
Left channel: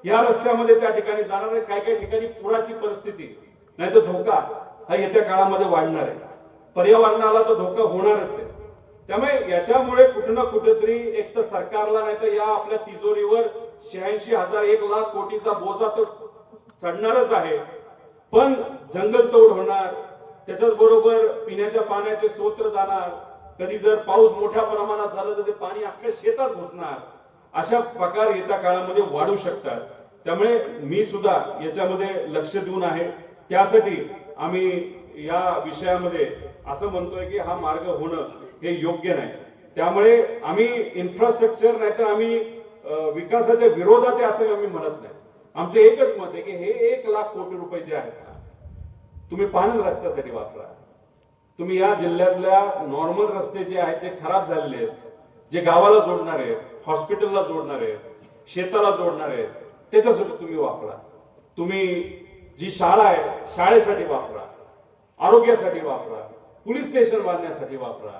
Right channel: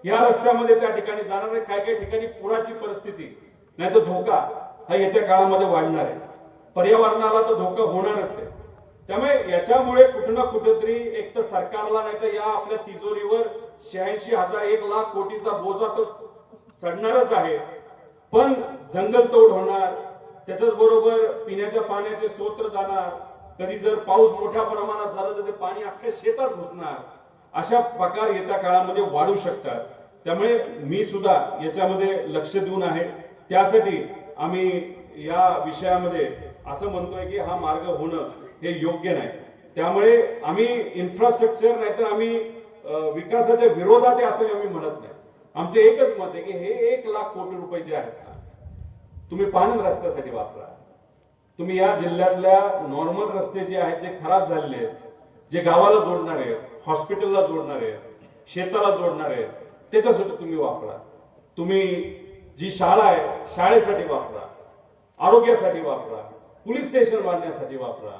या रस्त्यामध्ये त्या ठिकाणी जाणार आहे. काही काही ठिकाणी पुराची परिस्थिती नाही तर धोका हा येत्या काळामध्ये वाढणार आहे. पर्यावरणाला तर धोका होणारच आहे. त्यामुळे याच्यामुळे कुठे ना कुठेतरी एक तर सरकारला नाही तर या आपल्या तिजोरीवर 86,000 1 लाख कोटीचा बोजा तो चढणारच आहे. पण जंगलतोड होणार, त्याच्याच बरोबर पिण्याच्या पाण्याचे स्रोत जाणार. कधी जर पाऊस मोठ्या प्रमाणात झाला तर ते पाणी अख्ख्या शेतात घुसणार. अशा प्रकार येत्या काळामध्ये वाढू शकतात. त्यामुळे मी सुद्धा याच्यामध्ये लक्ष देऊन आहे. त्यासाठी आम्ही या विषयामध्ये असं म्हणतोय की हा मार्ग होणं हे योग्य नाही. त्यामुळे आम्ही इन्फ्रास्ट्रक्चर नाहीतर आम्ही विकासाच्या विरोधात आहे असं आम्ही म्हणत नाही. आमचे एकच मत आहे की हे 1 लाख कोटी रुपये जे आहेत ना, तुम्ही पाणी रस्त्यासाठी वापरा. तुम्ही या जिल्ह्यातल्या नॉर्मल रस्ते जे आहेत जे खराब झालेले आहेत, जे गावाला जोडणारे आहेत, हॉस्पिटलला जोडणारे आहेत, शेताला जोडणारे आहेत, त्याच्यासाठी तुम्ही वापरा. तुम्ही जी शाळा आहे शाळेसाठी वापरा, आरोग्यासाठी वापरा, पोलीस स्टेशन बांधण्यासाठी वापरा.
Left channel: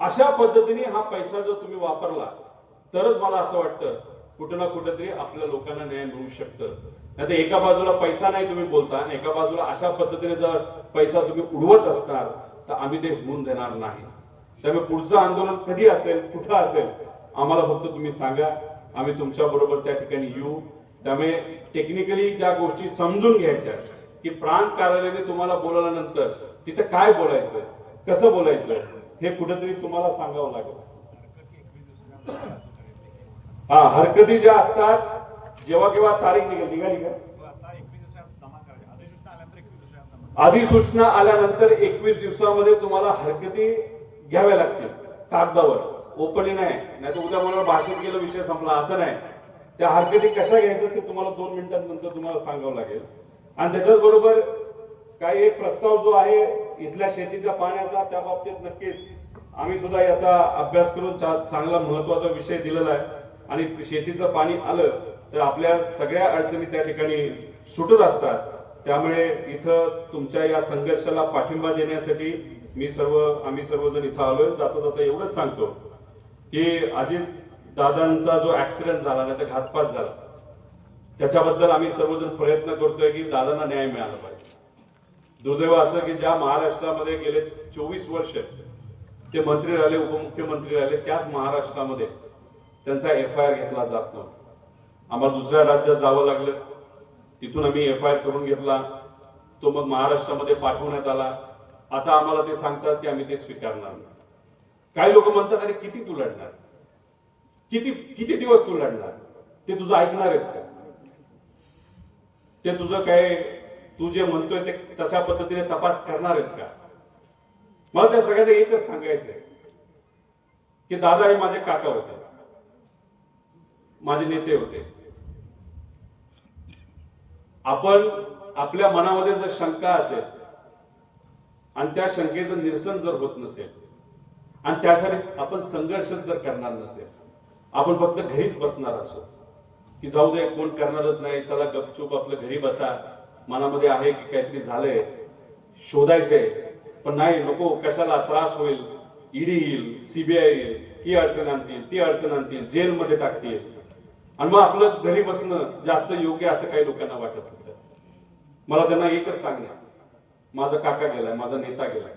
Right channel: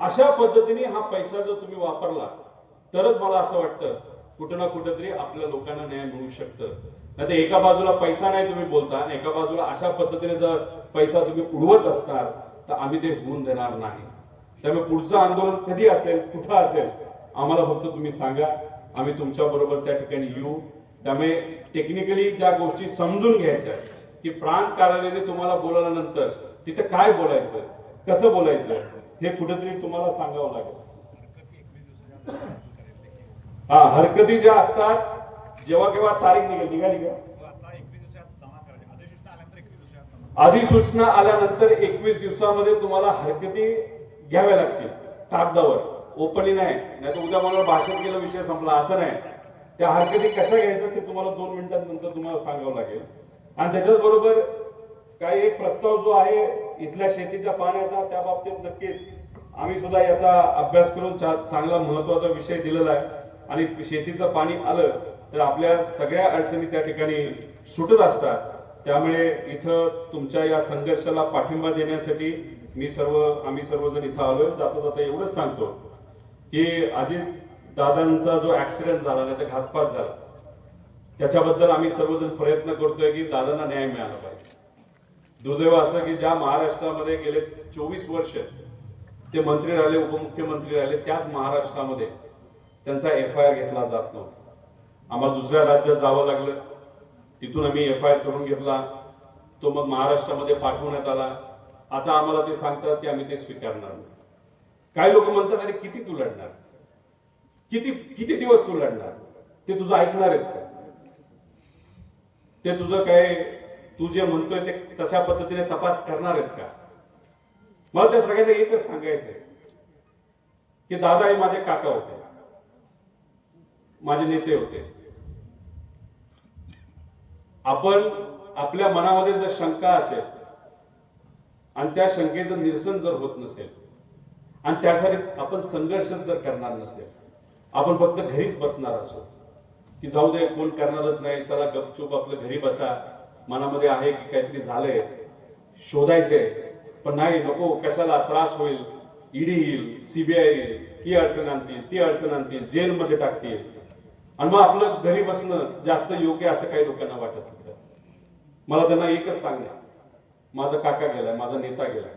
अशा पद्धतीने हा पैसा जर तुम्ही वापरला तरच मला असं वाटतं कुठं ना कुठेतरी आपल्या लोकांना न्याय मिळू शकतं. नाही तर एका बाजूला पैसा नाही तुम्ही बोलता आणि एका बाजूला अशा पद्धतीने जर पैसा तुम्ही उडवत असणार तर आम्ही ते होऊन देणार नाही. त्यामुळे पुढचं आंदोलन कधी असेल, कुठं असेल, आम्हाला फक्त तुम्ही सांगा, आम्ही तुमच्या बरोबर त्या ठिकाणी येऊ. त्यामुळे टेक्निकली ज्या गोष्टी समजून घ्यायच्या की प्रांत कार्यालयाने तुम्हाला बोलवल्यानंतर तिथं काय बोलायचं, कसं बोलायचं हे कुठेतरी तुम्हाला सांगावं लागेल. हा, हरकती ज्या असतात जेव्हा केव्हा तारीख निघाली का, अधिसूचना आल्यानंतर 21 दिवसामध्ये तुम्हाला हरकती घ्याव्या लागतील कागदावर, ओपनली नाही. नाही तर उद्या मला भाषण केलं विषय संपला असं नाही. त्या हरकती कशा घ्यायचं ते तुम्हाला 2 मिनिटांनंतर तुम्हाला सांगावं लागेल. आणि त्याच्याच बरोबर काही एक प्रस्ताव जो आहे इथल्या शेतीच्या पाण्याचा, त्या बाबतीत नक्कीच आम्ही सुद्धा याचा अभ्यास करून चांगला महत्वाचा विषय दिलेला आहे. आणि शेतीचं पाणी आलं तर आपल्या सगळ्या अडचणी त्या ठिकाणी सुटत असतात. त्यामुळे इथं तुमच्या या संघर्षाला पाठिंबा देण्यासाठी आम्ही सर्वजण इथं आलोय. जाता जाता एवढंच सांगतो की अजित दादांचा जो ऍक्सिडेंट झाला नाही तर घातपात झाला त्याच्याबद्दल आम्ही सर्वजण प्रयत्न करतोय की दादांना न्याय मिळाला पाहिजे. दुर्दैव असं की ज्या महाराष्ट्रामध्ये गेले 24 वर्ष ते मंत्री राहिले, उपमुख्यमंत्री राहिले, त्याच महाराष्ट्रामध्ये त्यांचा FIR घेतला जात नव्हता. आम्हाला दुसऱ्या राज्यात जावं लागलं, तिथून आम्ही FIR करून घेतला, तो मग महाराष्ट्रामध्ये पाठवण्यात आला. आता आम्हाला ते सांगतात की आम्ही ते स्वीकारणार नाही. काही लोक म्हणतात अरे किती तू लढणार, किती दिवस तू लढणार, ते तुझं ऐकणार आहेत का, ते तुझं काय तू जे म्हणतोय ते तशा पद्धतीने तपास करणार आहेत का. मला त्या सगळ्यांना एकच सांगायचंय की दादा हे माझे काका होते, माझे नेते होते. आपण आपल्या मनामध्ये जर शंका असेल आणि त्या शंकेचं निरसन जर होत नसेल आणि त्यासाठी आपण संघर्ष जर करणार नसेल, आपण फक्त घरीच बसणार असो की जाऊ दे कोण करणारच नाही, चला गपचूप आपलं घरी बसा, मनामध्ये आहे की काहीतरी झालंय शोधायचंय, पण नाही नको कशाला त्रास होईल, ईडी येईल, CBI येईल, ही अडचण आणतील ती अडचण आणतील, जेलमध्ये टाकतील आणि मग आपलं घरी बसणं जास्त योग्य असं काही लोकांना वाटत होतं. मला त्यांना एकच सांगणं, माझा काका गेलाय, माझा नेता गेलाय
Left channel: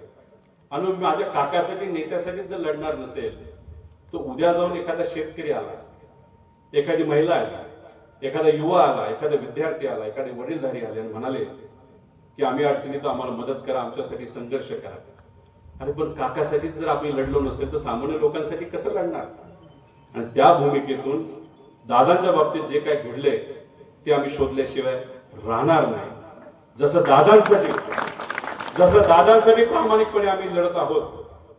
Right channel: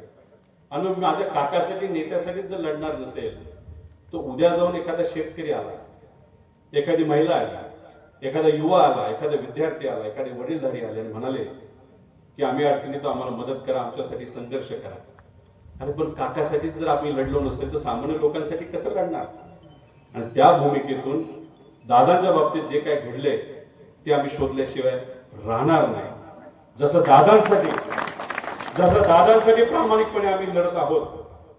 आणि माझ्या काकासाठी नेत्यासाठी जर लढणार नसेल तर उद्या जाऊन एखादा शेतकरी आला, एखादी महिला आली, एखादा युवा आला, एखादा विद्यार्थी आला, एखादे वडीलधारी आले आणि म्हणाले की आम्ही अडचणीत आम्हाला मदत करा, आमच्यासाठी संघर्ष करा. अरे पण काकासाठीच जर आम्ही लढलो नसेल तर सामान्य लोकांसाठी कसं लढणार. आणि त्या भूमिकेतून दादांच्या बाबतीत जे काय घडले ते आम्ही शोधल्याशिवाय राहणार नाही. जसं दादांसाठी प्रामाणिकपणे आम्ही लढत आहोत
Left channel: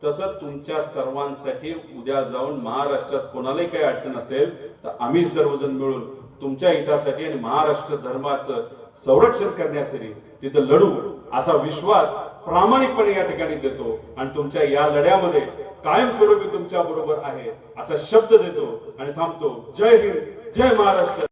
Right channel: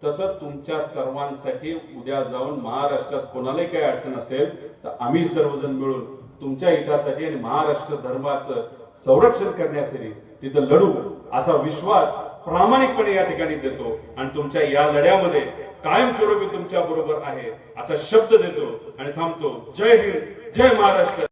तसं तुमच्या सर्वांसाठी उद्या जाऊन महाराष्ट्रात कोणालाही काही अडचण असेल तर आम्ही सर्वजण मिळून तुमच्या हितासाठी आणि महाराष्ट्र धर्माचं संरक्षण करण्यासाठी तिथं लढू असा विश्वास प्रामाणिकपणे या ठिकाणी देतो आणि तुमच्या या लढ्यामध्ये कायमस्वरूपी तुमच्या बरोबर आहे असा शब्द देतो आणि थांबतो. जय हिंद, जय महाराष्ट्र.